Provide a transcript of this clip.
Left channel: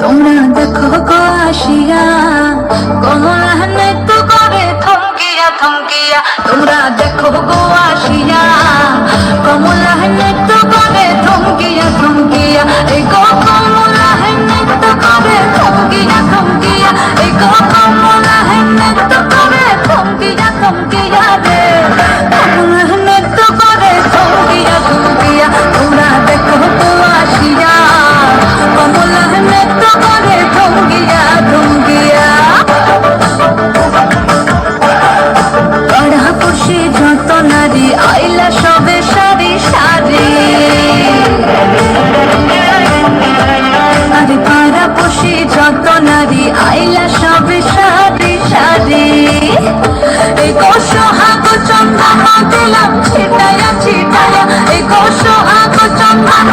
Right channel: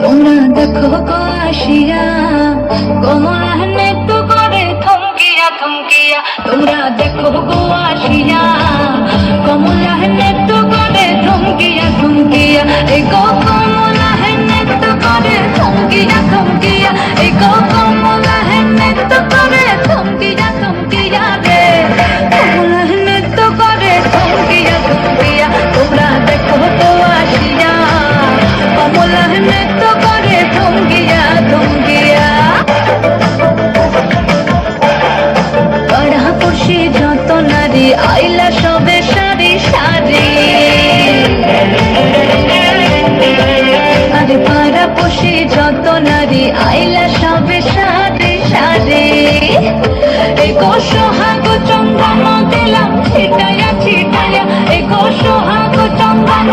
তোমরা দেখো গো আসিয়া কমলা নৃত্য করে থমকিয়া থমকিয়া। তোমরা দেখো গো আসিয়া কমলা নৃত্য করে থমকিয়া থমকিয়া। এই গো কমলা নৃত্য করে থমকিয়া থমকিয়া। এই গো কমলা নৃত্য করে থমকিয়া থমকিয়া রে। কমলা নৃত্য করে থমকিয়া থমকিয়া। তোমরা দেখো গো আসিয়া কমলা নৃত্য করে থমকিয়া থমকিয়া। পাড়াপড়শি যত নারী আইলা সবে সারি সারি। আরে পাড়াপড়শি যত নারী আইলা সবে সারি সারি। এই সোহাগ চন্দন দিলাম ছিটায়া ছিটায়া। এই সোহাগ চন্দন